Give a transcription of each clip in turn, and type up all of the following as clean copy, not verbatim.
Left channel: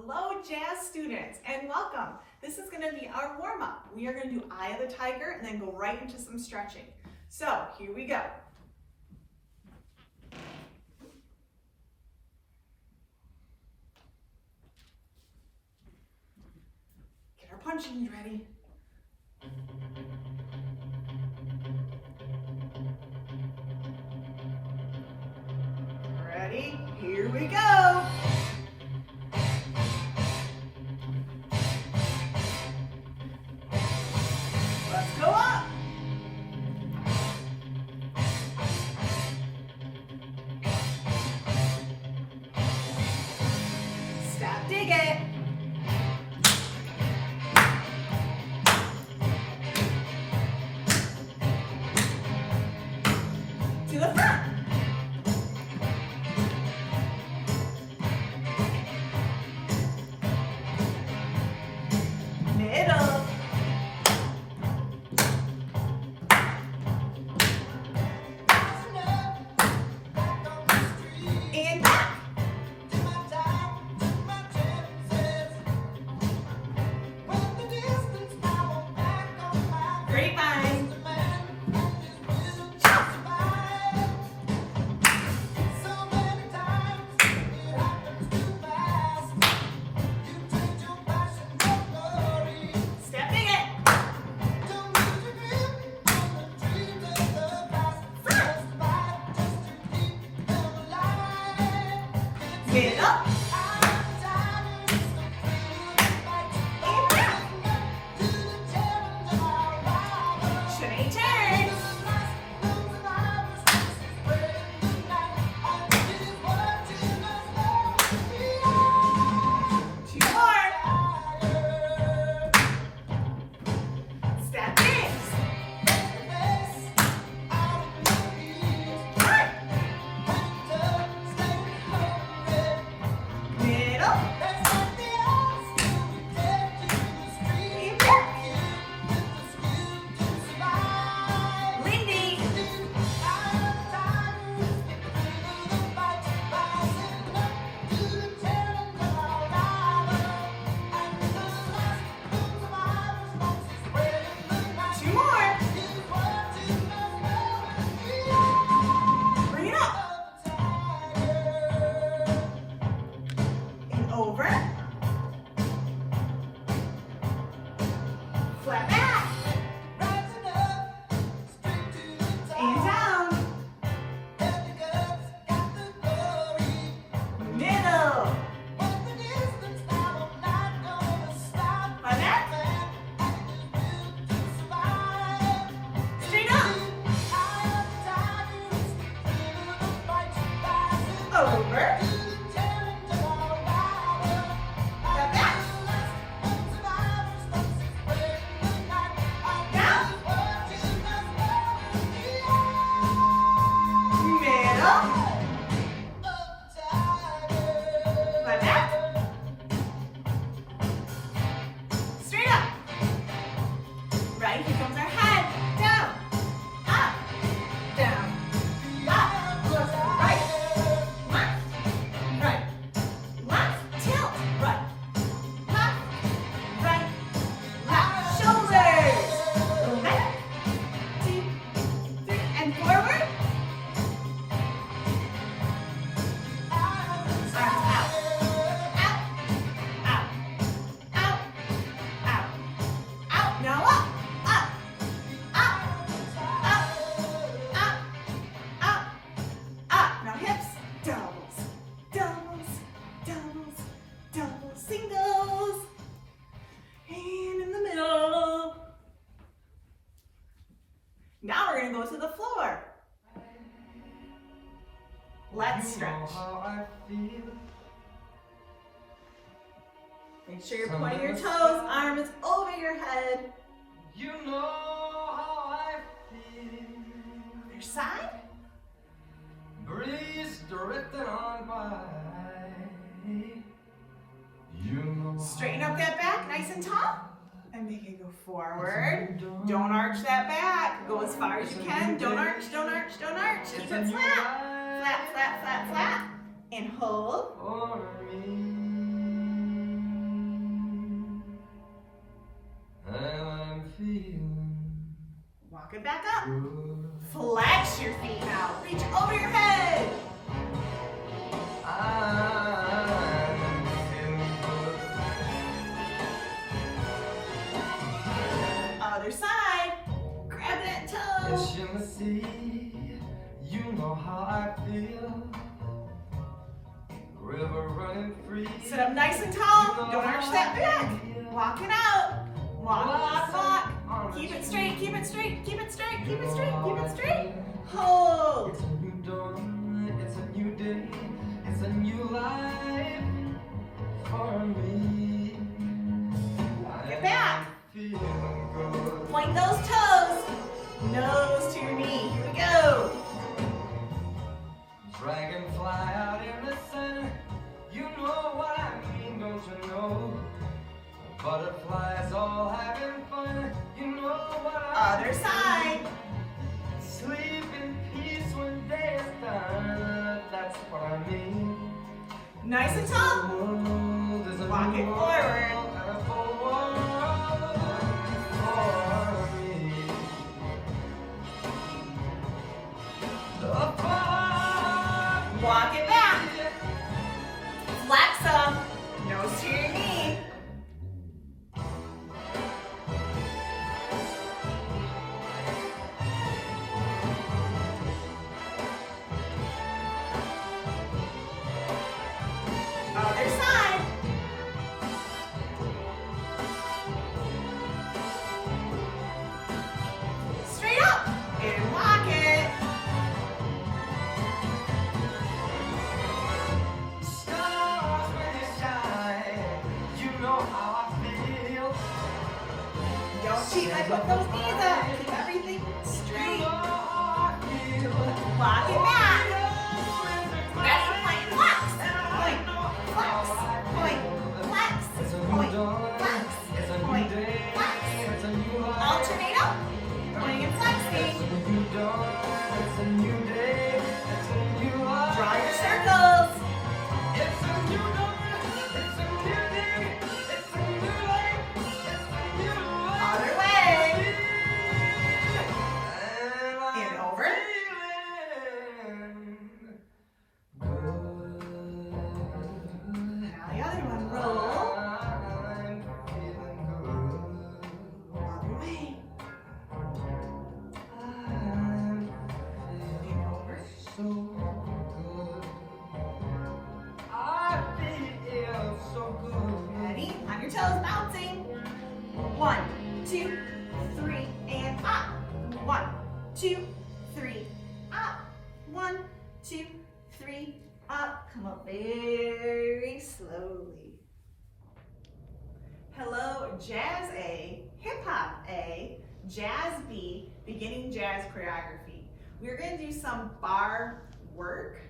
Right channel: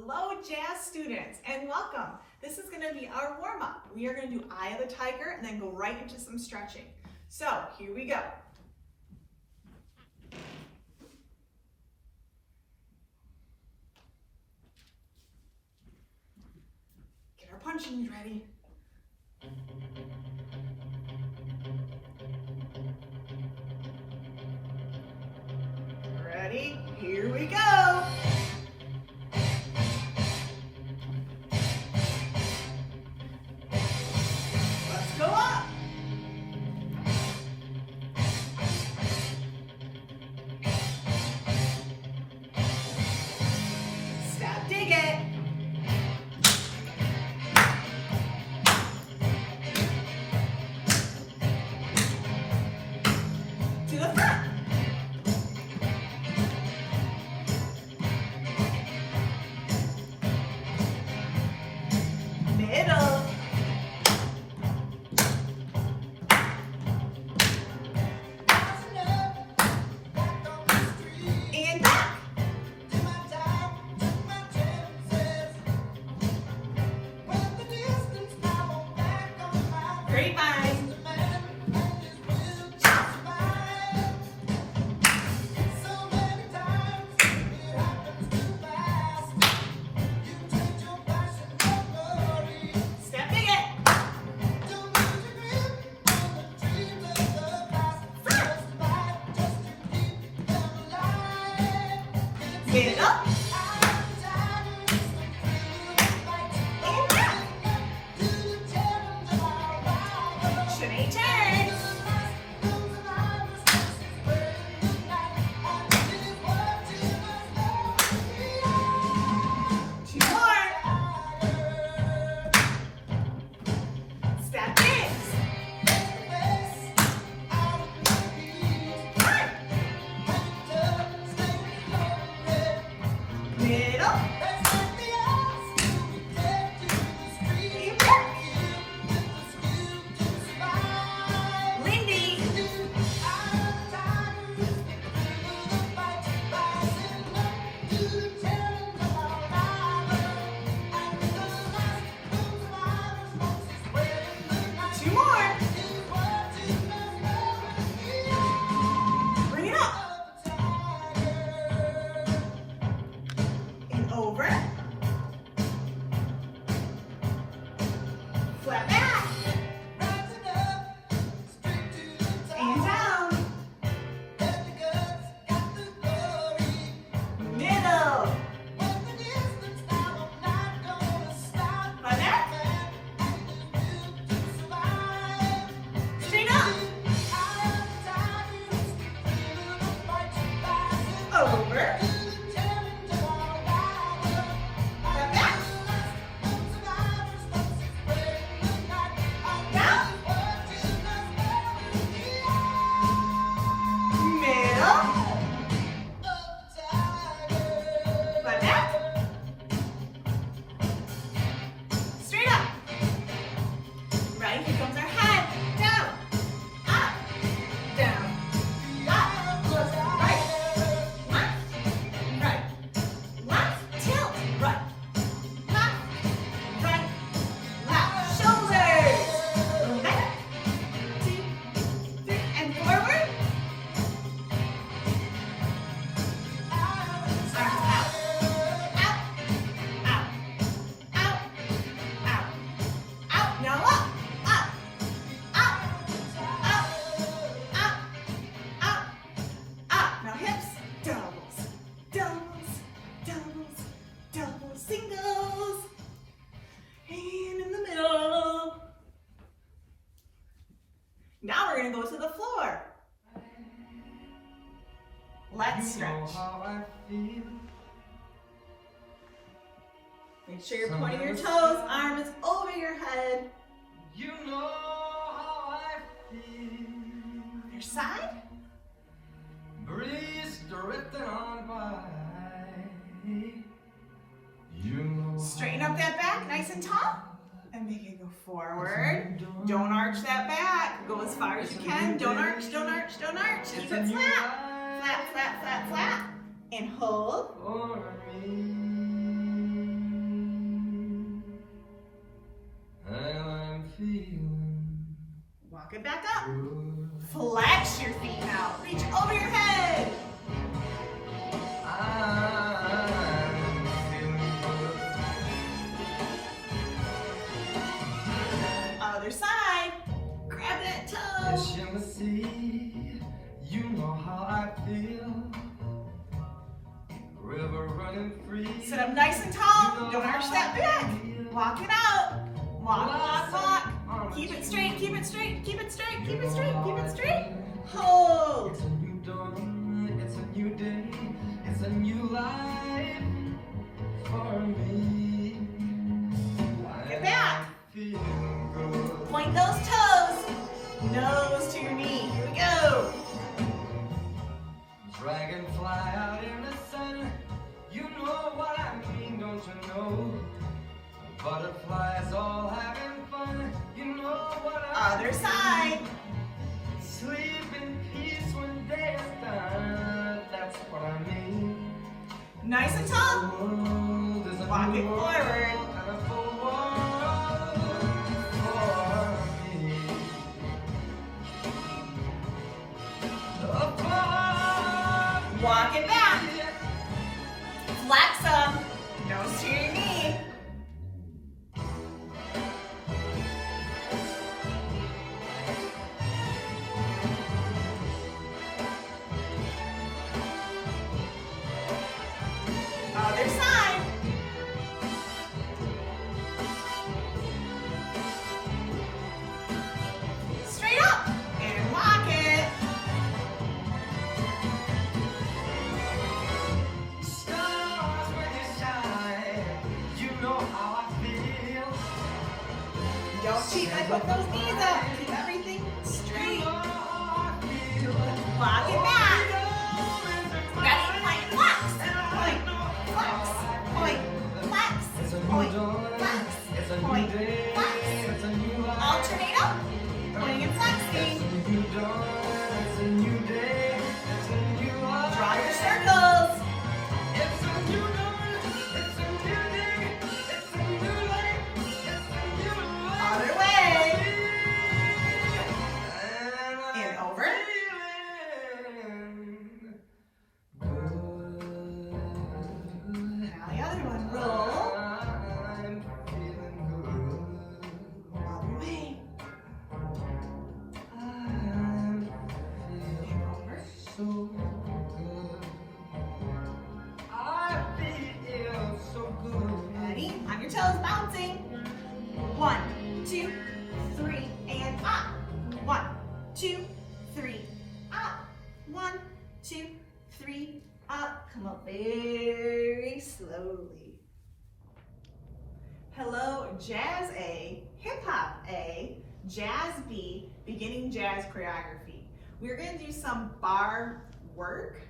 Hello, jazz students, and welcome. This is going to be our warm-up. We are going to do Eye of the Tiger and then go right into some stretching. So, here we go. Get our punching ready. Ready? Here we go. Let's go up. Step, dig it. To the front. Middle. And back. Grapevine. Stepping it. Middle. And back. Straight turn. Two more. Step in. Front. Middle. And back. Lindy. Two more. Bring it up. And over. Flat back. And down. Middle. Flat back. Straight up. Over. Flat back. Down. Middle. Flat back. Straight up. Right, here comes our head. Down. Up. Down. Up. Right. Left. Right. Left. Tilt. Right. Left. Right. Left. Shoulders. Okay. 2, 3, and forward. Arms out. Out. Out. Out. Out. Out. Now up. Up. Up. Up. Up. Up. Up. Now hips. Doubles. Doubles. Doubles. Doubles. Singles. And in the middle. Now we're going to go to the floor. Let's stretch. Make sure you're pointing your toes. Arm is over your head. You know how I feel. Other side. Breeze drifting on by. You know. Straighten up that back nice and tall. And make it go forward. Don't arch that back. Go as far as you can. Don't arch, don't arch, don't arch. Keep it flat. 'Flat, flat, flat, flat. And hold. For me. feeling Walk it back up. good. Flex your feet now. Reach over your head. I'm feeling good. Other side. Grab that toe. Fish in the sea, you know how I feel. River running free. Sit up nice and tall. Don't arch that back. Walk it out. Walk, walk, walk. Keep it straight, keep it straight, keep it straight, keep it straight, keep it straight. Hold. It's a new dawn, it's a new day, it's a new life for me. Walk it back. Feeling good. Point those toes. Nose to your knee. Here we go. Dragonfly out in the sun, you know what I mean, don't you know? Butterflies all having fun, you know what I Other side. Sleep in peace when day is done, that's what I mean. Nice and tall. Walk it forward. Walk it back. Flex them. Nose to your knee. Other side. Straight up and walk it. Stars when you shine, you know how I feel. Don't cheat by putting those knees up. Keep everything straight. Walk it back. Ready? Point and flex. Point, flex, point, flex, point, flex, point, flex. Alternate up. Pointing and flexing. Draw your circles. Other way. And over. Now the other one. Roll. Other way. And over. Ready? On your toes, bouncing. 1, 2, 3, and up. 1, 2, 3, up. 1, 2, 3, up. Come up very slowly. Hello, Jazz A, Hip Hop A, Jazz B, Beginning Jazz Choreography. We're going to do some bar work,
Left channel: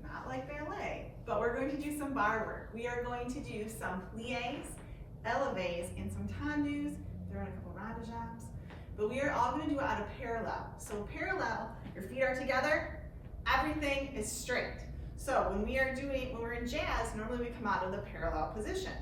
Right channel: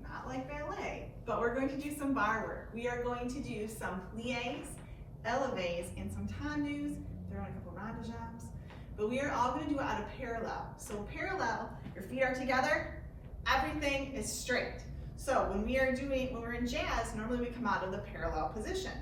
not like ballet, but we're going to do some bar work. We are going to do some pliés, élevés, and some tendus. Throw in a couple ronde-jambs. But we are all going to do it out of parallel. So parallel, your feet are together, everything is straight. So when we're in jazz, normally we come out of the parallel position.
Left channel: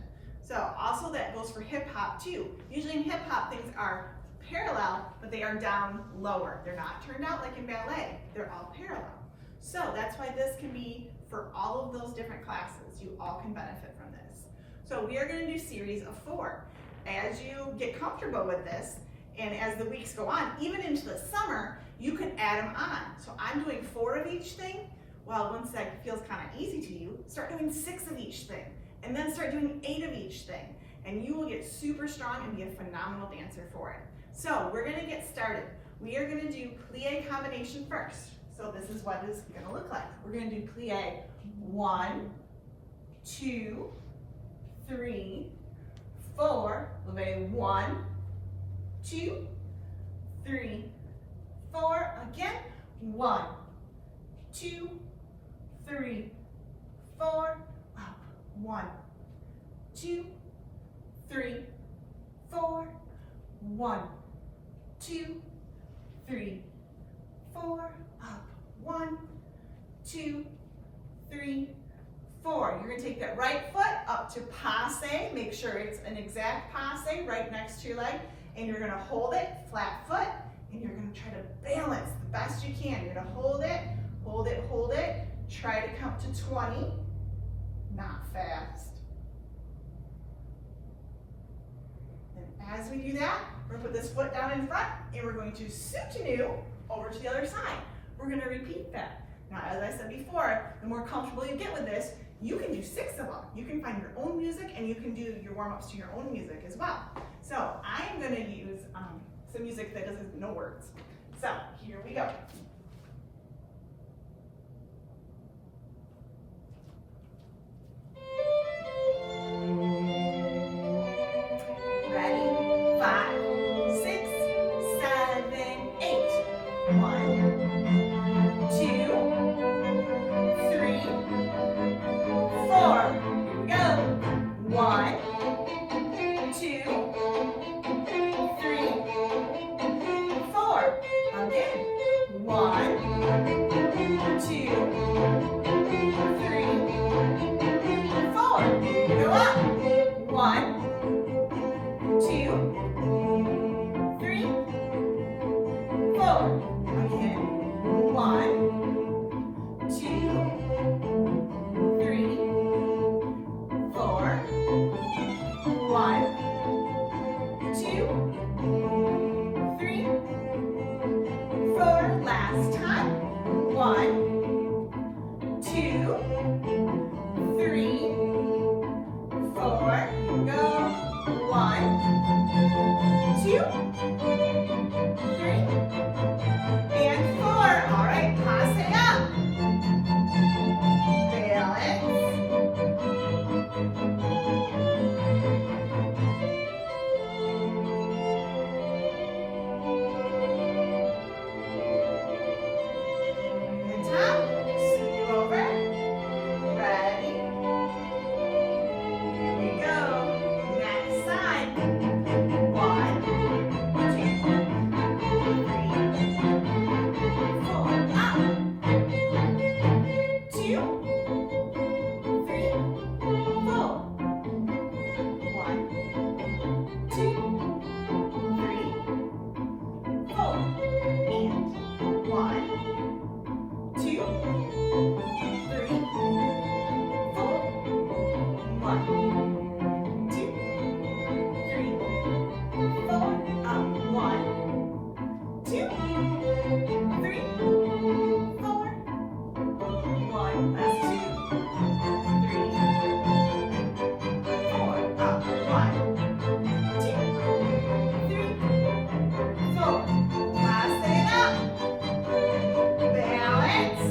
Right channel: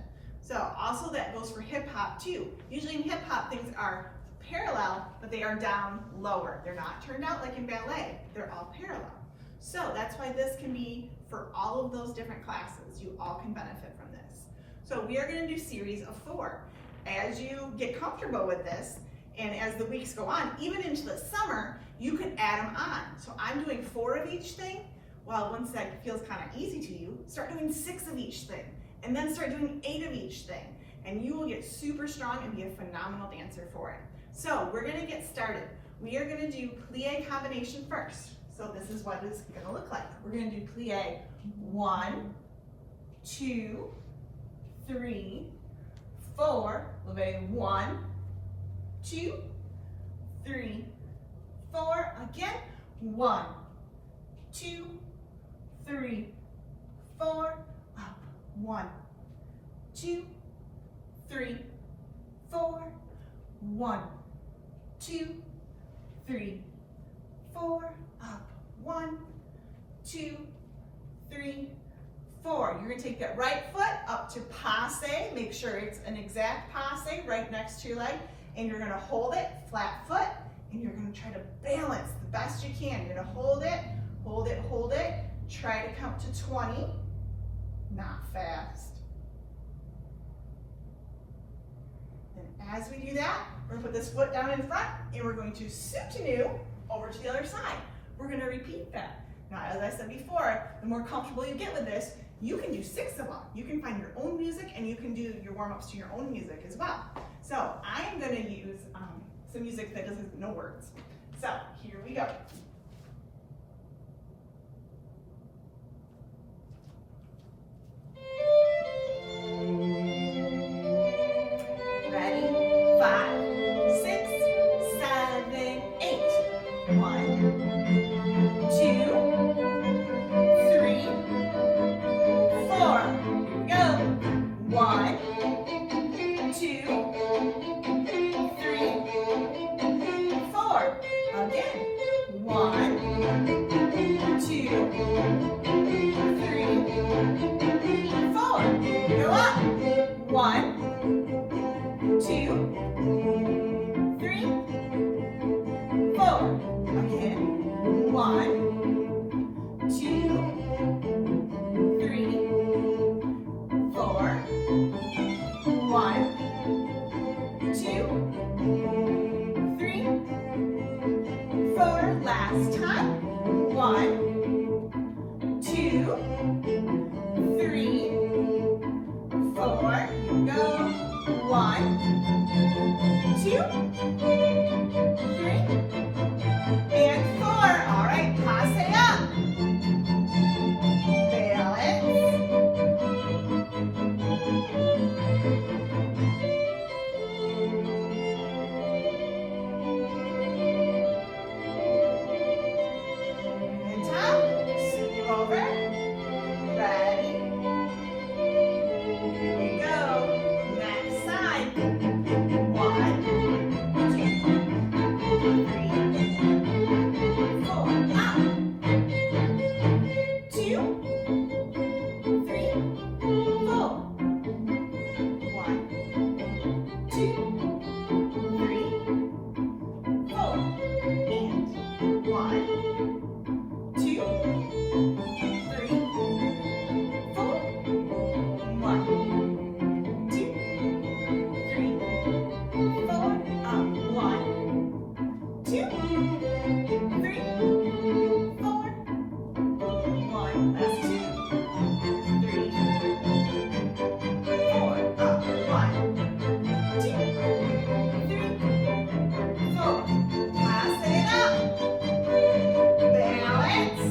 So also that goes for hip hop too. Usually in hip hop things are parallel, but they are down lower. They're not turned out like in ballet. They're all parallel. So that's why this can be for all of those different classes. You all can benefit from this. So we are going to do series of 4. As you get comfortable with this, and as the weeks go on, even into the summer, you can add them on. So I'm doing 4 of each thing. Well, once that feels kind of easy to you, start doing 6 of each thing, and then start doing 8 of each thing, and you will get super strong and be a phenomenal dancer for it. So we're going to get started. We are going to do plie combination first. So this is what it's going to look like. We're going to do plie 1, 2, 3, 4. Leve 1, 2, 3, 4. Again. 1, 2, 3, 4. Up. 1, 2, 3, 4. 1, 2, 3, 4. Up. 1, 2, 3, 4. You're going to take that right foot up to passe. Make sure it's an exact passe right next to your leg. and you're gonna hold it, flat foot, and you're gonna try to balance the best you can. You're gonna hold it, hold it, hold it. Try to count to 20, not fast. And as we do that, we're gonna put this foot down in front, and we're going to soutenu over to the other side. We're gonna repeat that. Now, as I said before, the more comfortable you get with this, you can do 6 of them. You can find your own music, and you can do your warm-ups to your own music as well. So I am gonna use some music that doesn't no words. So here we go. Ready? 5, 6, 7, 8. 1, 2, 3, 4. Here we go. 1, 2, 3, 4. Again. 1, 2, 3, 4. Go up. 1, 2, 3, 4. Again. 1, 2, 3, 4. 1, 2, 3, 4. Last time. 1, 2, 3, 4. Here we go. 1, 2, 3, and 4. All right, pass it up. Balance. Good job. Scoot you over. Ready? Here we go. Next side. 1, 2, 3, 4. Up. 2, 3, 4. 1, 2, 3, 4. And 1, 2, 3, 4. 1, 2, 3, 4. Up. 1, 2, 3, 4. 1. That's 2, 3, 4. Up. 1, 2, 3, 4. Pass it up. Balance.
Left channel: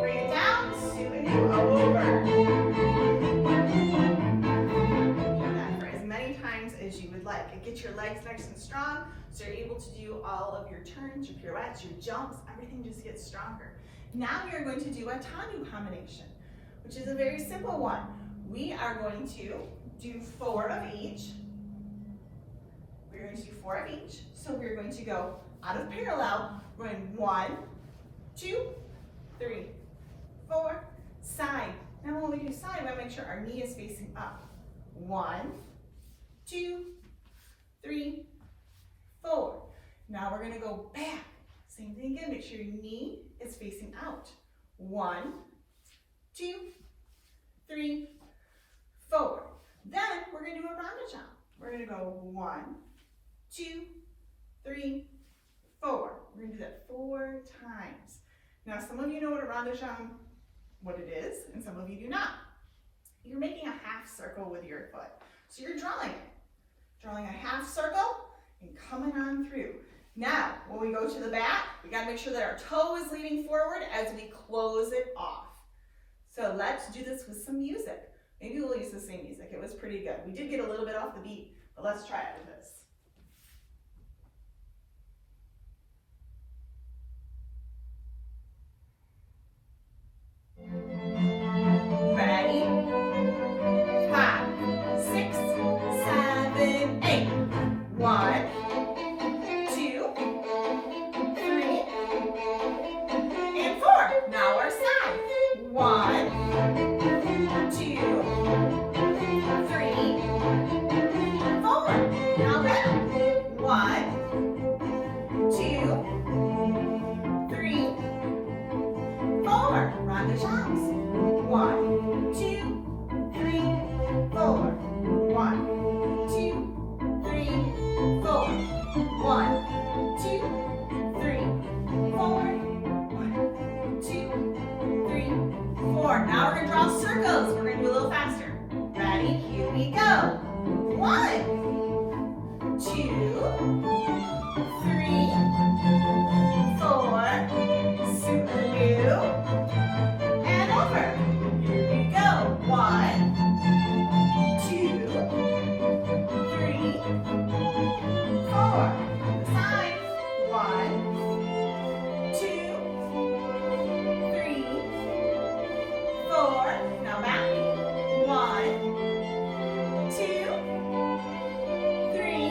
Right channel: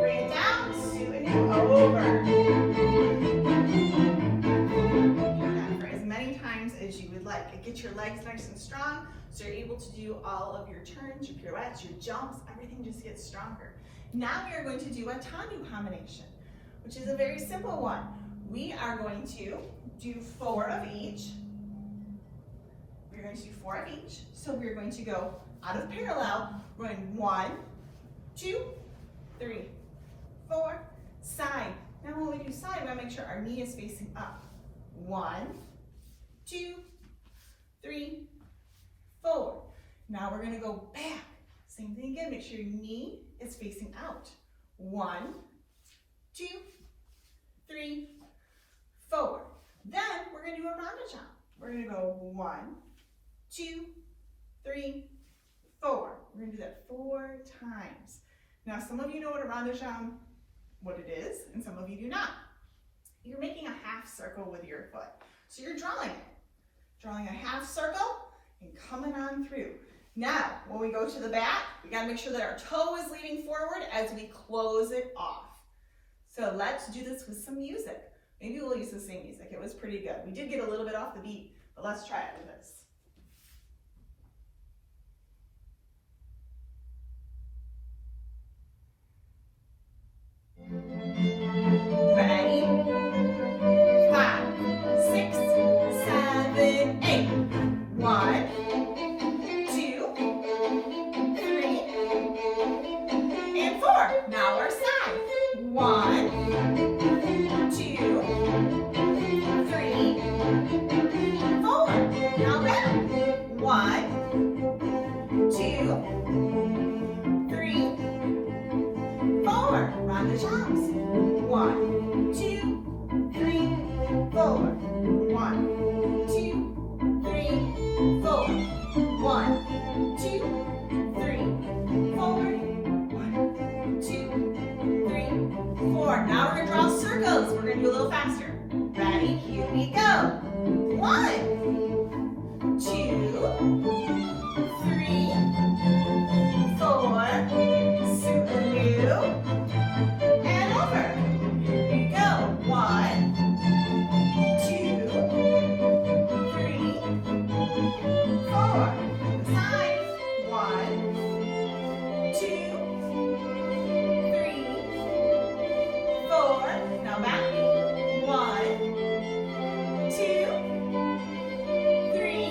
Bring it down, soutenu over. Do that for as many times as you would like. Get your legs nice and strong so you're able to do all of your turns, your pirouettes, your jumps, everything just gets stronger. Now we are going to do a tanu combination, which is a very simple one. We are going to do 4 of each. We're going to do 4 of each. So we're going to go out of parallel, going 1, 2, 3, 4, side. Now when we do side, we want to make sure our knee is facing up. 1, 2, 3, 4. Now we're going to go back. Same thing again, make sure your knee is facing out. 1, 2, 3, 4. Then we're going to do a rondo jump. We're going to go 1, 2, 3, 4. We're going to do that 4 times. Now some of you know what a rondo jump, what it is, and some of you do not. You're making a half circle with your foot. So you're drawing it. Drawing a half circle and coming on through. Now, when we go to the back, we gotta make sure that our toe is leaning forward as we close it off. So let's do this with some music. Maybe we'll use the same music. It was pretty good. We did get a little bit off the beat, but let's try it with this. Ready? 5, 6, 7, 8. faster. Ready? Here we go. 1, 2, 3, 4. Scootaloo. And over. Here we go. 1, 2, 3, 4. The side. 1, 2, 3, 4. Now back. 1, 2, 3,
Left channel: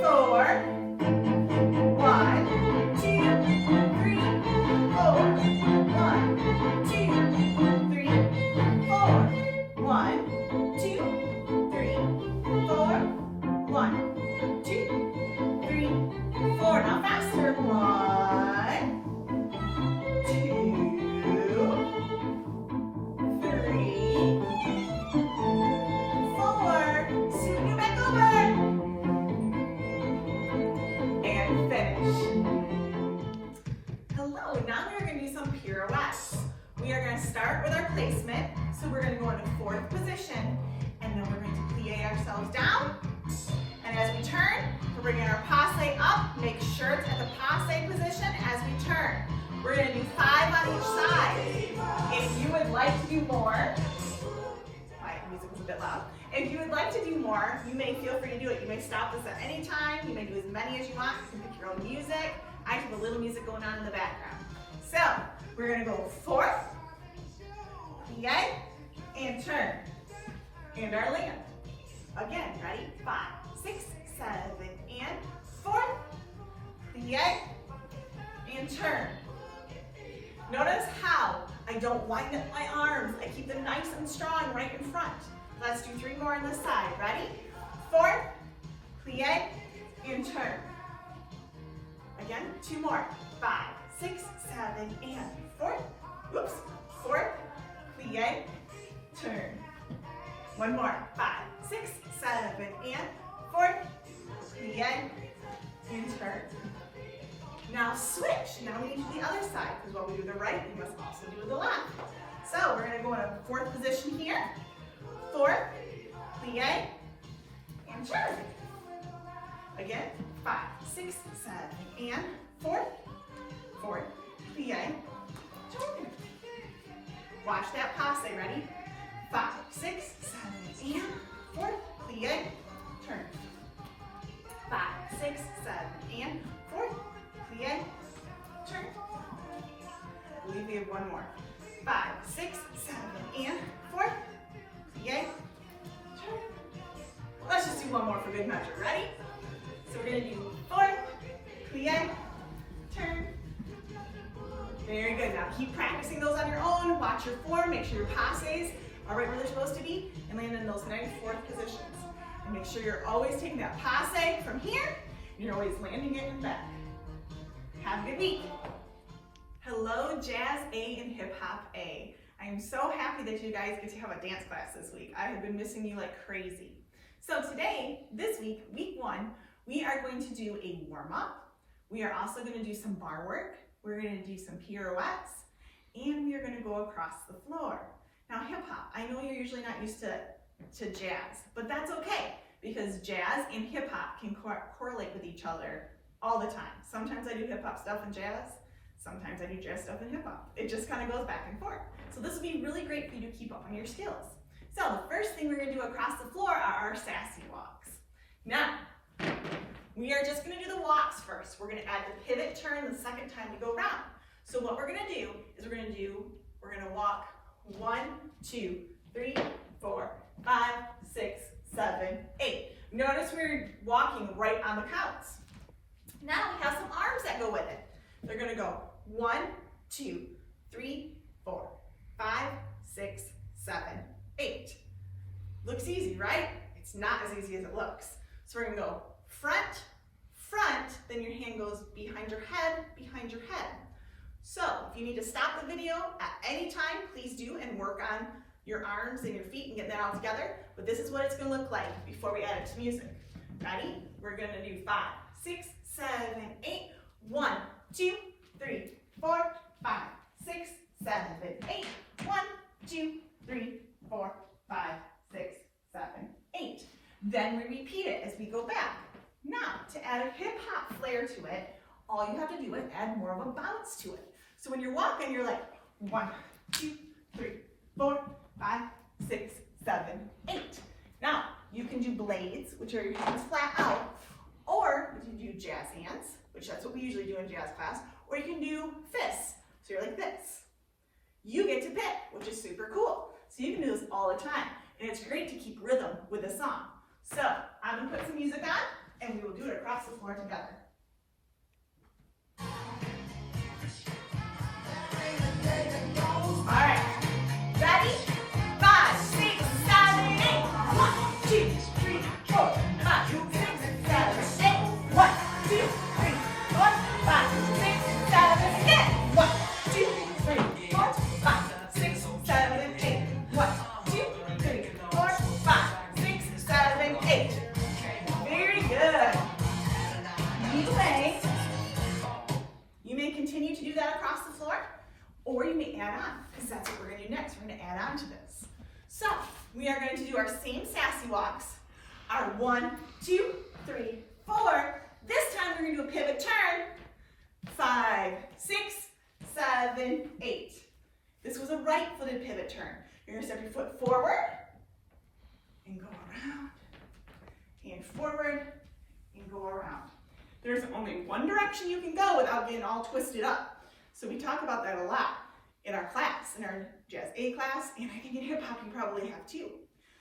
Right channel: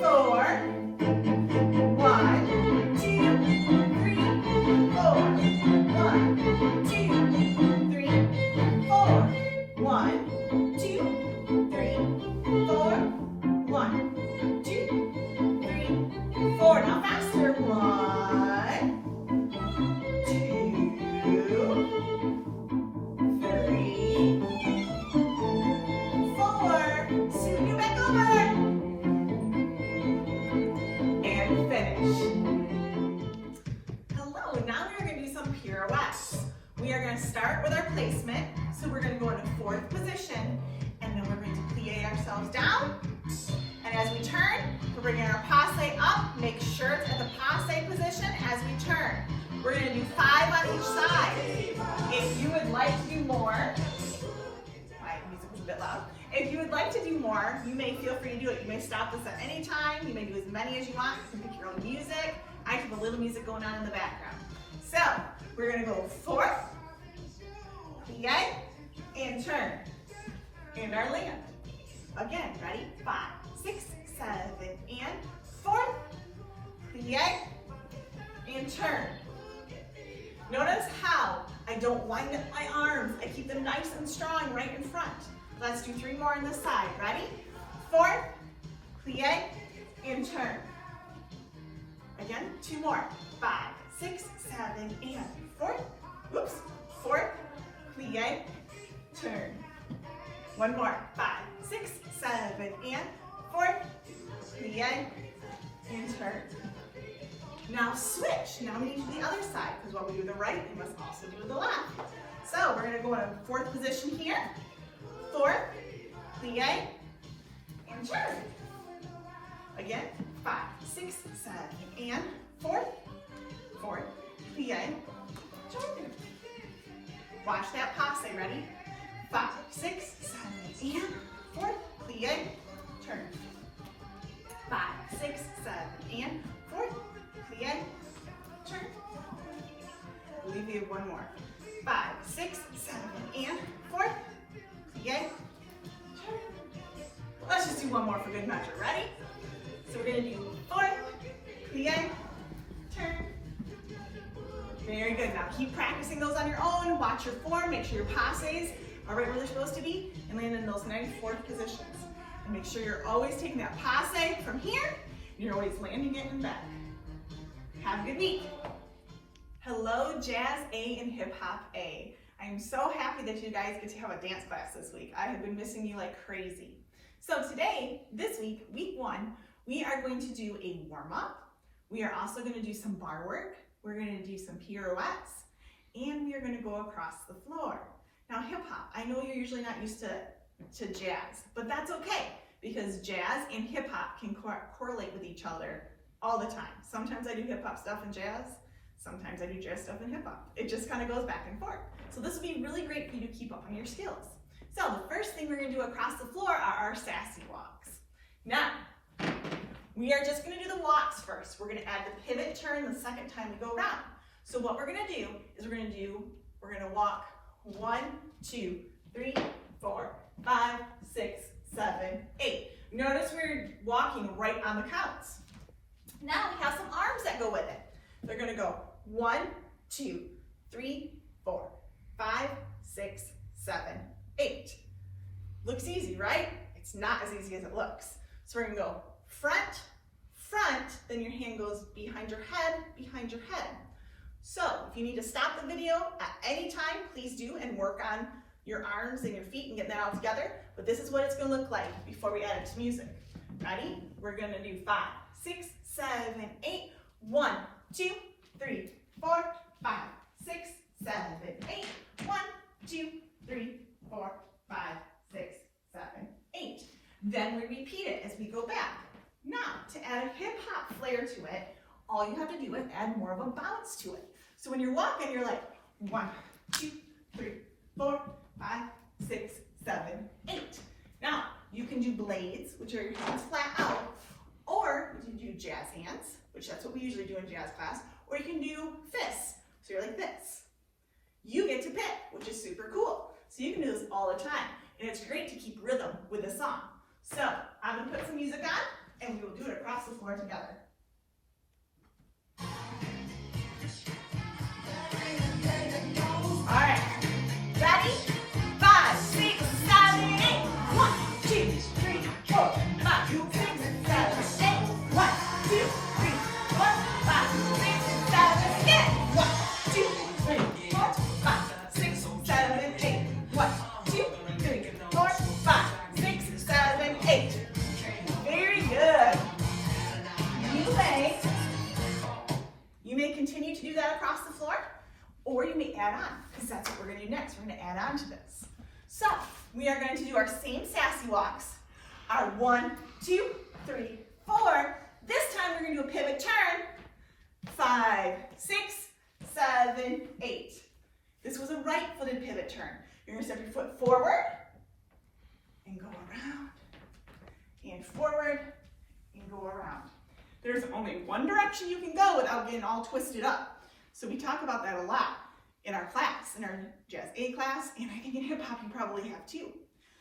4. 1, 2, 3, 4. 1, 2, 3, 4. 1, 2, 3, 4. 1, 2, 3, 4. Now faster. 1, 2, 3, 4. Scoot you back over. And finish. Hello, now we're going to do some pirouettes. We are going to start with our placement. So we're going to go into 4th position, and then we're going to plie ourselves down. And as we turn, we're bringing our passe up. Make sure it's at the passe position as we turn. We're going to do 5 on each side. If you would like to do more, my music was a bit loud. If you would like to do more, you may feel free to do it. You may stop this at any time. You may do as many as you want. You can pick your own music. I have a little music going on in the background. So we're going to go 4th, plie, and turn. And our land. Again, ready? 5, 6, 7, and 4th, plie, and turn. Notice how I don't wind up my arms. I keep them nice and strong right in front. Let's do 3 more on this side. Ready? 4th, plie, and turn. Again, 2 more. 5, 6, 7, and 4th. Oops. 4th, plie, turn. 1 more. 5, 6, 7, and 4th, plie, and turn. Now switch. Now we need to do the other side, because while we do the right, we must also do the left. So we're going to go in a 4th position here. 4th, plie, and turn. Again, 5, 6, 7, and 4th, 4th, plie, turn. Watch that passe. Ready? 5, 6, 7, and 4th, plie, turn. 5, 6, 7, and 4th, plie, turn. I believe we have 1 more. 5, 6, 7, and 4th, plie, turn. Let's just do 1 more for good measure. Ready? So we're going to do 4th, plie, turn. Very good. Now keep practicing those on your own. Watch your form. Make sure your passes are right where they're supposed to be, and land in those nice 4th positions. And make sure you're always taking that passe from here, and you're always landing it in back. Have a good week. Hello, Jazz A and Hip Hop A. I am so happy that you guys get to have a dance class this week. I have been missing you like crazy. So today, this week, week 1, we are going to do a warm-up. We are also going to do some bar work. We're going to do some pirouettes, and we are going to go across the floor. Now hip hop, I know you're usually not used to jazz, but that's okay, because jazz and hip hop can correlate with each other all the time. Sometimes I do hip hop stuff in jazz, sometimes I do jazz stuff in hip hop. It just kind of goes back and forth. So this will be really great for you to keep up on your skills. So the first thing we're going to do across the floor are our sassy walks. Now, we are just going to do the walks first. We're going to add the pivot turn the second time we go around. So what we're going to do is we're going to walk 1, 2, 3, 4, 5, 6, 7, 8. Notice we're walking right on the counts. Now we have some arms that go with it. They're going to go 1, 2, 3, 4, 5, 6, 7, 8. Looks easy, right? It's not as easy as it looks. So we're going to go front, front, then your hand goes behind your head, behind your head. So if you need to stop the video at any time, please do, and work on your arms and your feet and get that all together. But this is what it's going to look like before we add it to music. Ready? We're going to do 5, 6, 7, 8. 1, 2, 3, 4, 5, 6, 7, 8. 1, 2, 3, 4, flair to it. All you have to do is add more of a bounce to it. So when you're walking, you're like 1, 2, 3, 4, 5, 6, 7, 8. Now, you can do blades, which are your hands flat out, or you can do jazz hands, which that's what we usually do in jazz class, or you can do fists. So you're like this. You get to pick, which is super cool. So you can do this all the time. And it's great to keep rhythm with a song. So I'm going to put some music on, and we will do it across the floor together. All right. Ready? 5, 6, 7, 8. 1, 2, 3, 4, 5, 6, 7, 8. 1, 2, 3, 4, 5, 6, 7, 8. 1, 2, 3, 4, 5, 6, 7, 8. 1, 2, 3, 4, 5, 6, 7, 8. Very good. You may continue to do that across the floor, or you may add on, because that's what we're going to do next. We're going to add on to this. So we are going to do our same sassy walks. Our 1, 2, 3, 4. This time we're going to do a pivot turn. 5, 6, 7, 8. This was a right-footed pivot turn. You're going to step your foot forward and go around, and forward and go around. There's only one direction you can go without getting all twisted up. So we talk about that a lot in our class, in our Jazz A class, and I think in hip hop you probably have too.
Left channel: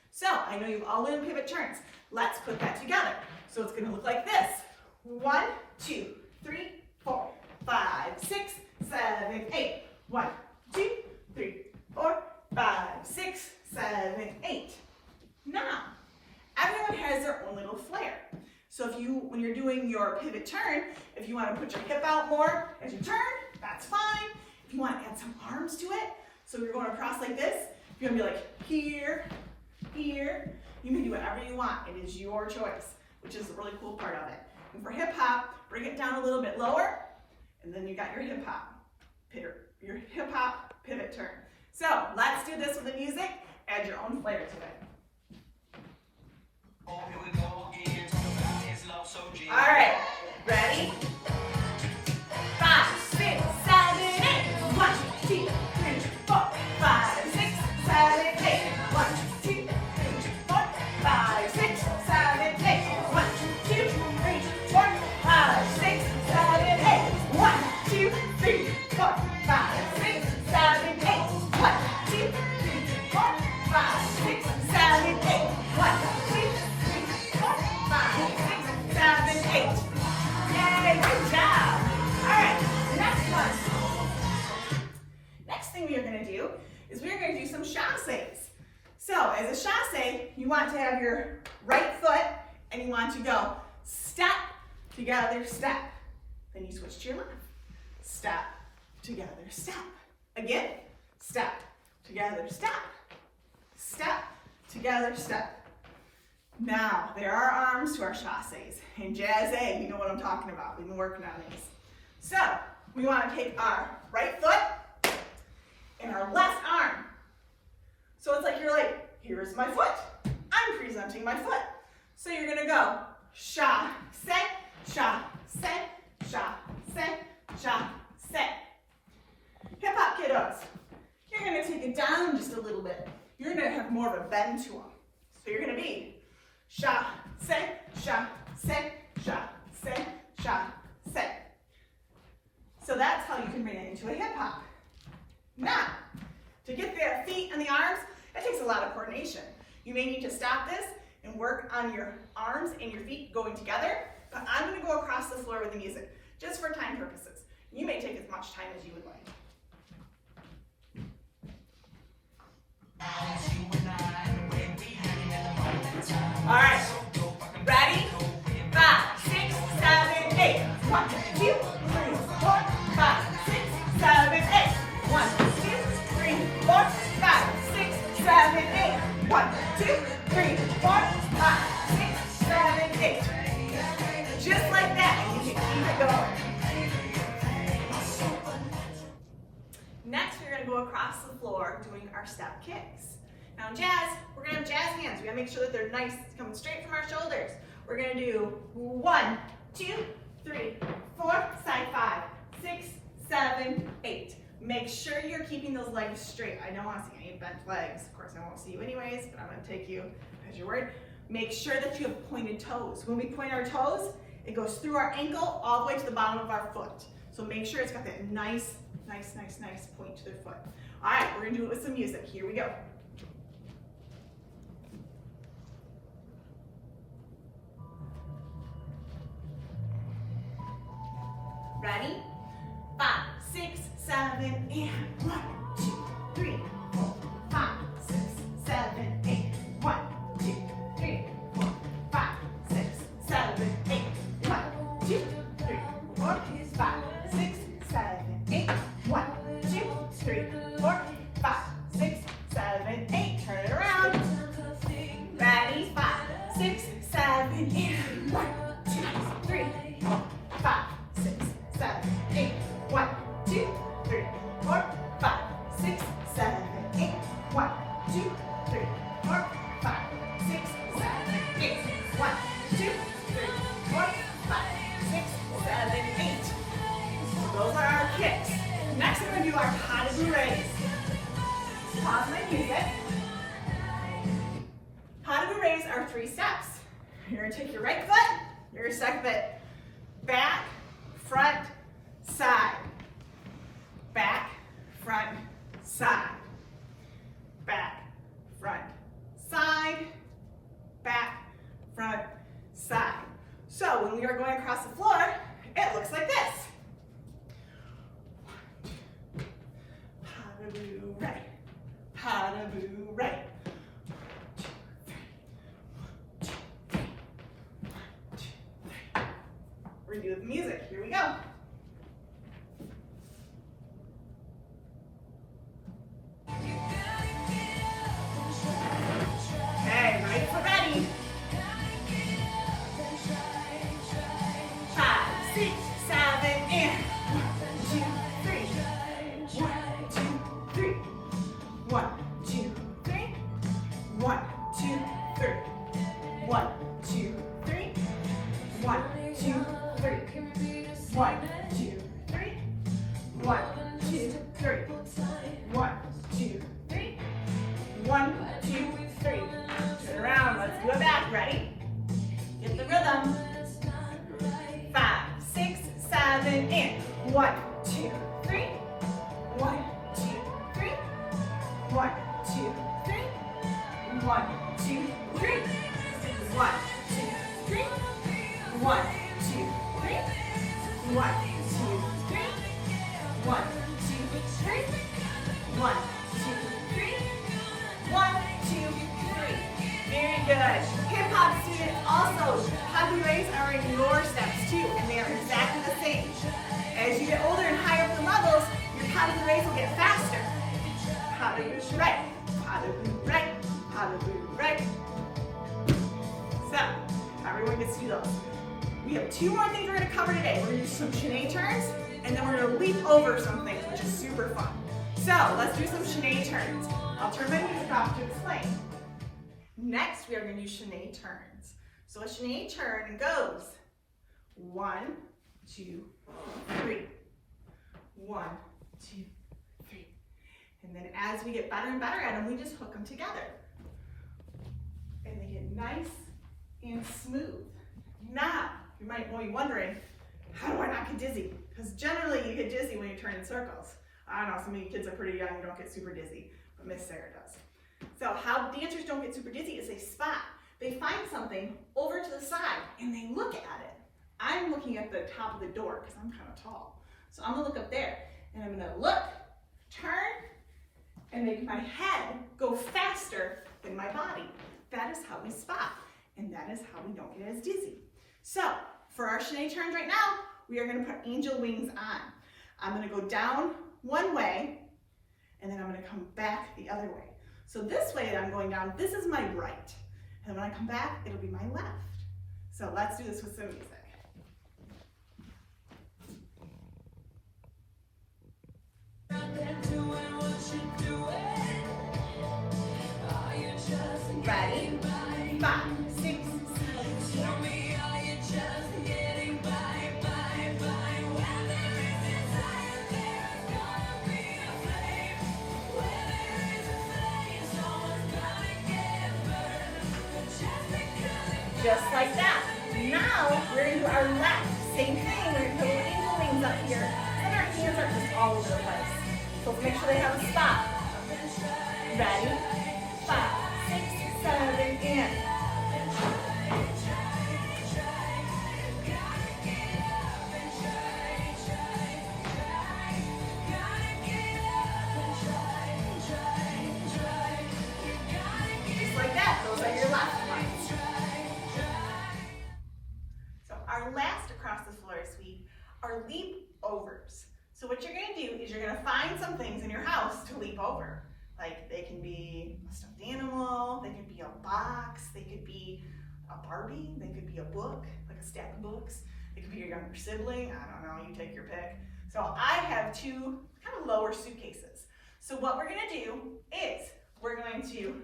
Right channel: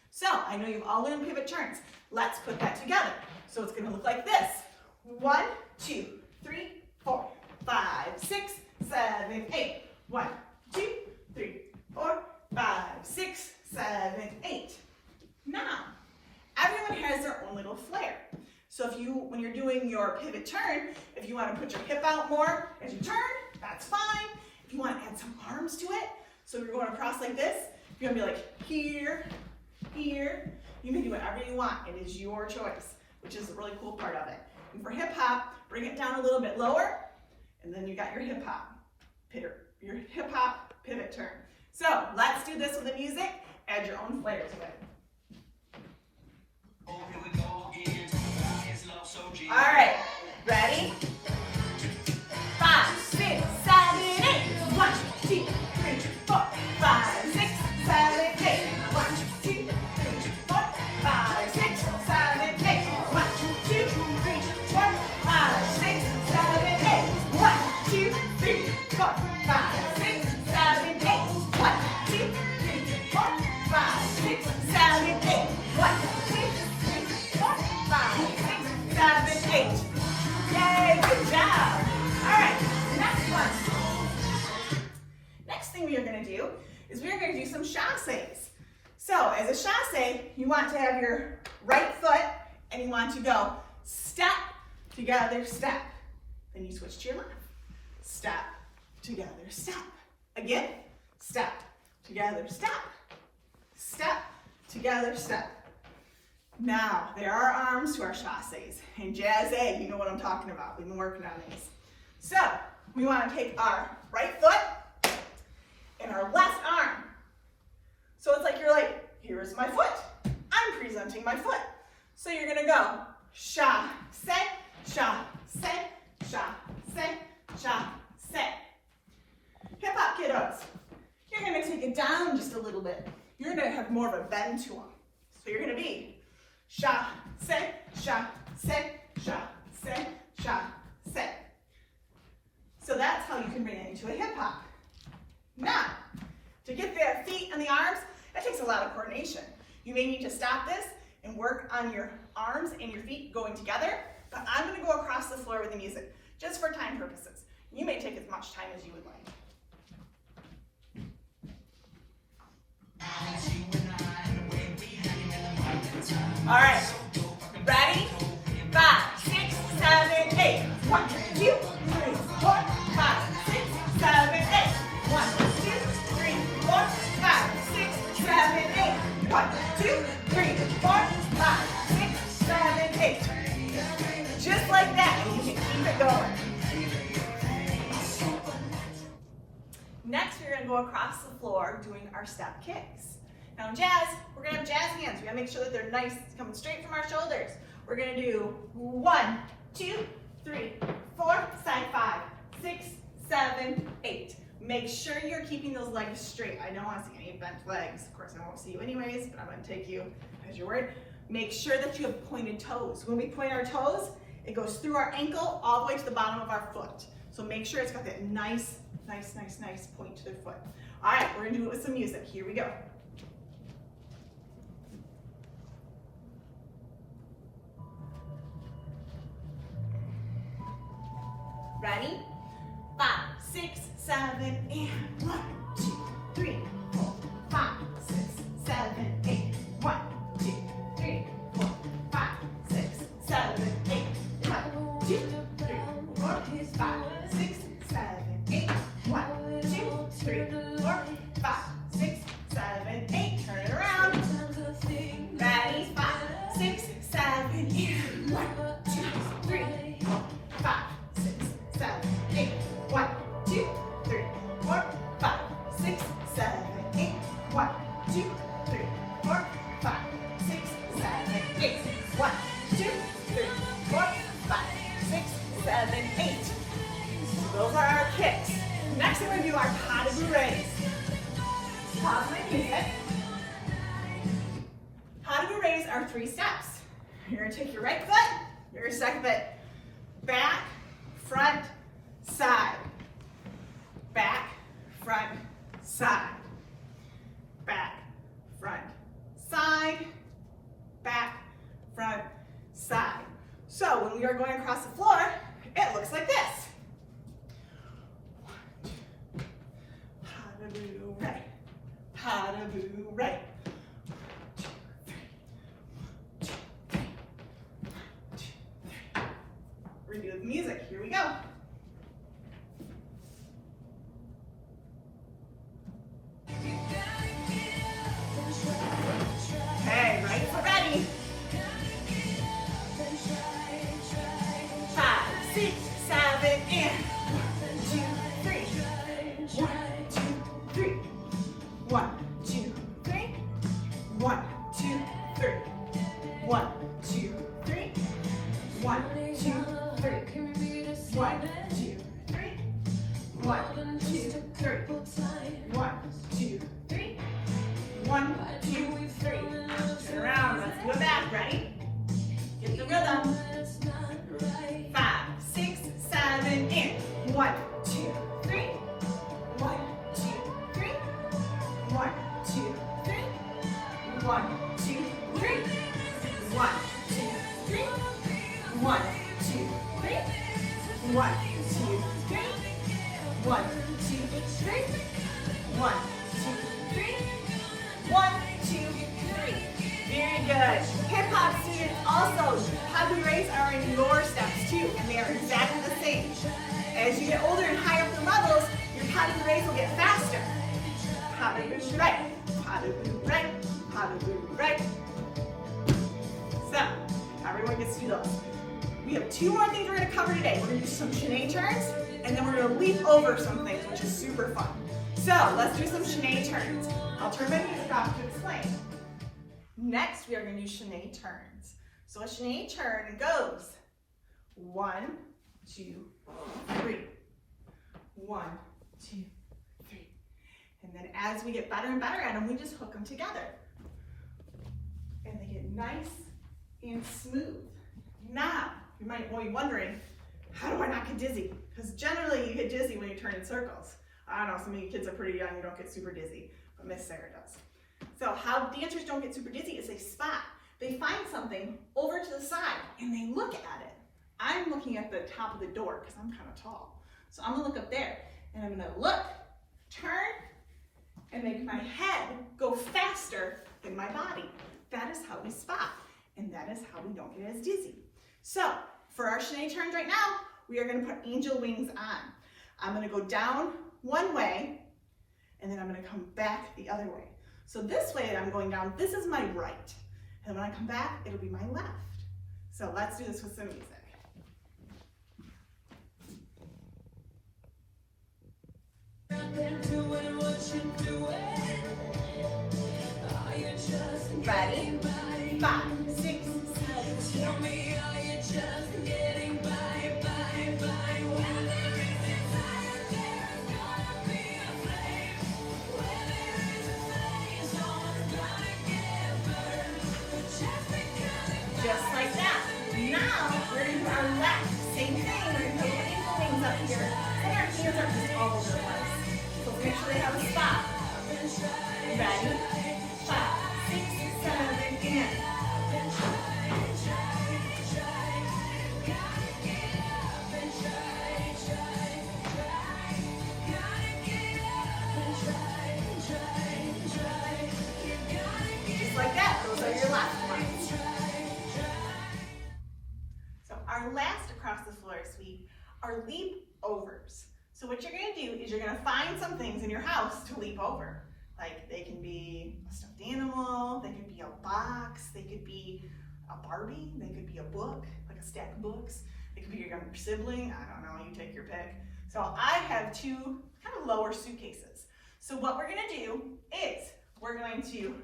So I know you've all learned pivot turns. Let's put that together. So it's going to look like this. 1, 2, 3, 4, 5, 6, 7, 8. 1, 2, 3, 4, 5, 6, 7, 8. Now, everyone has their own little flair. So if you, when you're doing your pivot turn, if you want to put your hip out more as you turn, that's fine. If you want to add some arms to it, so you're going across like this, you're going to be like here, here. You can do whatever you want. It is your choice, which is the really cool part of it. And for hip hop, bring it down a little bit lower, and then you got your hip hop pivot turn. So let's do this with the music. Add your own flair to it. All right, ready? 5, 6, 7, 8. 1, 2, 3, 4, 5, 6, 7, 8. 1, 2, 3, 4, 5, 6, 7, 8. 1, 2, 3, 4, 5, 6, 7, 8. 1, 2, 3, 4, 5, 6, 7, 8. 1, 2, 3, 4, 5, 6, 7, 8. 1, 2, 3, 4, 5, 6, 7, 8. Yay, good job. All right, next one. Next thing we are going to do is we're going to do some chassés. So as a chassé, you want to have your right foot and you want to go step, together, step. Then you switch to your left. Step, together, step. Again, step, together, step. Step, together, step. Now, there are arms to our chassés. In Jazz A, you know what I'm talking about. We've been working on these. So, we want to take our right foot and our left arm. So it's like you're like, here's my foot. I'm presenting my foot. So you're going to go chassé, chassé, chassé, chassé. Hip hop kiddos, you're going to take it down just a little bit. You're going to have more of a bend to them. So you're going to be chassé, chassé, chassé, chassé. So that's how you can bring it into a hip hop. Now, to get the feet and the arms, that takes a lot of coordination. You may need to stop this and work on your arms and your feet going together, but I'm going to go across the floor with the music, just for time purposes. You may take as much time as you would like. All right, ready? 5, 6, 7, 8. 1, 2, 3, 4, 5, 6, 7, 8. 1, 2, 3, 4, 5, 6, 7, 8. 1, 2, 3, 4, 5, 6, 7, 8. Just like that, and you can keep it going. Next, we're going to go across the floor doing our step kicks. Now in jazz, we're going to have jazz hands. We got to make sure that they're nice, coming straight from our shoulders. We're going to do 1, 2, 3, 4, side 5, 6, 7, 8. Make sure you're keeping those legs straight. I don't want to see any bent legs. Of course, I won't see you anyways, but I'm going to take you as your word. Make sure that you have pointed toes. When we point our toes, it goes through our ankle all the way to the bottom of our foot. So make sure it's got that nice point to their foot. All right, we're going to do it with some music. Here we go. Ready? 5, 6, 7, and 1, 2, 3, 4, 5, 6, 7, 8. 1, 2, 3, 4, 5, 6, 7, 8. 1, 2, 3, 4, 5, 6, 7, 8. 1, 2, 3, 4, 5, 6, 7, 8. Turn it around. Ready? 5, 6, 7, and 1, 2, 3, 4, 5, 6, 7, 8. 1, 2, 3, 4, 5, 6, 7, 8. 1, 2, 3, 4, 5, 6, 7, 8. 1, 2, 3, 4, 5, 6, 7, 8. So those are our kicks. Next we're going to do our pas de bourrées. Pause my music. Pas de bourrées are 3 steps. You're going to take your right foot, your second foot, back, front, side. Back, front, side. Back, front, side. Back, front, side. So when we are going across the floor, it looks like this. 1, 2, pas de bourrée, pas de bourrée. 1, 2, 3, 1, 2, 3. We're going to do it with music. Here we go. Okay, right foot ready. 5, 6, 7, and 1, 2, 3. 1, 2, 3. 1, 2, 3. 1, 2, 3. 1, 2, 3. 1, 2, 3. 1, 2, 3. 1, 2, 3. 1, 2, 3. 1, 2, 3. Turn around. Let's go back. Ready? Get the rhythm. 5, 6, 7, and 1, 2, 3. 1, 2, 3. 1, 2, 3. 1, 2, 3. 1, 2, 3. 1, 2, 3. 1, 2, 3. 1, 2, 3. 1, 2, 3. 1, 2, 3. Very good. Hip hop students also, pas de bourrées are in your steps too, and they are exactly the same. As you get older and higher up the levels, your pas de bourrées will get faster. Pas de bourrée, pas de bourrée, pas de bourrée. So, everyone gets to do those. We have 2 more things we're going to cover today. We're going to do some chaîné turns, and then we're going to leap over some things, which is super fun. So, let's do some chaîné turns. I'll turn my music off to explain. Next, we are going to do chaîné turns. So a chaîné turn goes 1, 2, 3. 1, 2, 3. And then as we get better and better at them, we just hook them together. And they get nice and smooth. Now, you might be wondering, how do I not get dizzy? Because generally you get dizzy when you turn in circles. I don't know, some of you kids are pretty young, you don't get super dizzy, but Miss Sarah does. So how dancers don't get super dizzy is they spot. They find something over to the side and they look at it. I'm looking at the top of the door because I'm kind of tall. So I'm gonna look up there and I'm gonna look, turn, and make my head go faster than my body. That is how we spot, and that is how we don't get as dizzy. So for our chaîné turns right now, we are gonna put angel wings on. I'm gonna go down one way, and then I'm gonna come back the other way. So this way that I'm going down, this is my right. And when I come back, it'll be my left. So let's do this with some music. Ready? 5, 6, 7, 8. Just like that. Now, we're going to do our left. Same thing, we're going to put ankle wings up here, and our hands are just all over the place. So make sure they have a spot. Ready? 5, 6, 7, and. Just like that, those are your left ones. So our last across the floor sweep are leap overs. So what you're going to do is you're going to find some things in your house to leap over. Like they can be a stuffed animal, they could be a box, they could be a Barbie, they could be a book, like a stack of books. They could be your younger sibling, I don't know, you take your pick. So I have 2 kind of lower suitcases. So what we're going to do is we're going to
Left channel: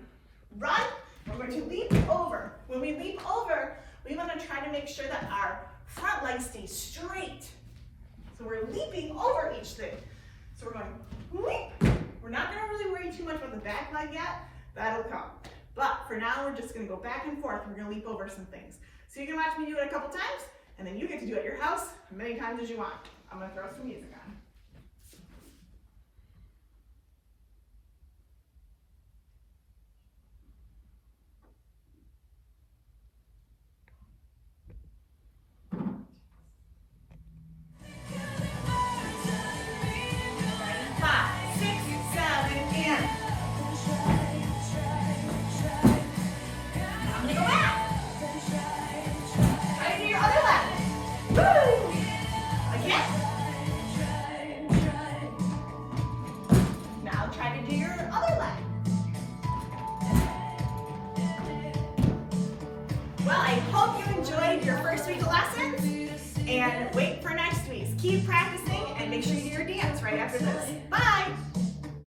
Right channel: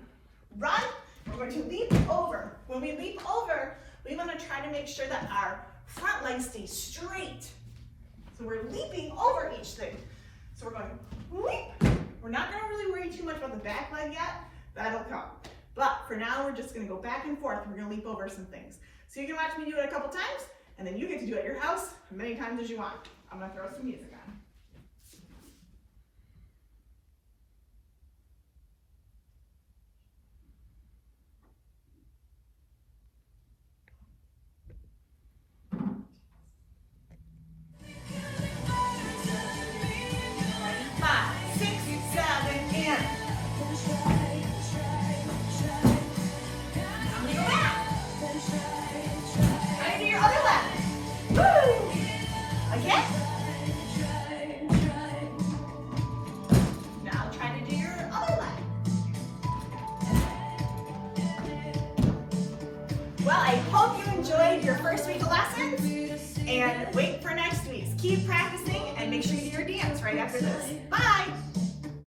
run, we're going to leap over. When we leap over, we want to try to make sure that our front leg stays straight. So we're leaping over each thing. So we're going leap. We're not going to really worry too much about the back leg yet. That'll come. But for now, we're just going to go back and forth. We're going to leap over some things. So you can watch me do it a couple times, and then you get to do it at your house as many times as you want. I'm going to throw some music on. Your first week of lessons, and wait for next week's. Keep practicing and make sure you do your dance right after this. Bye!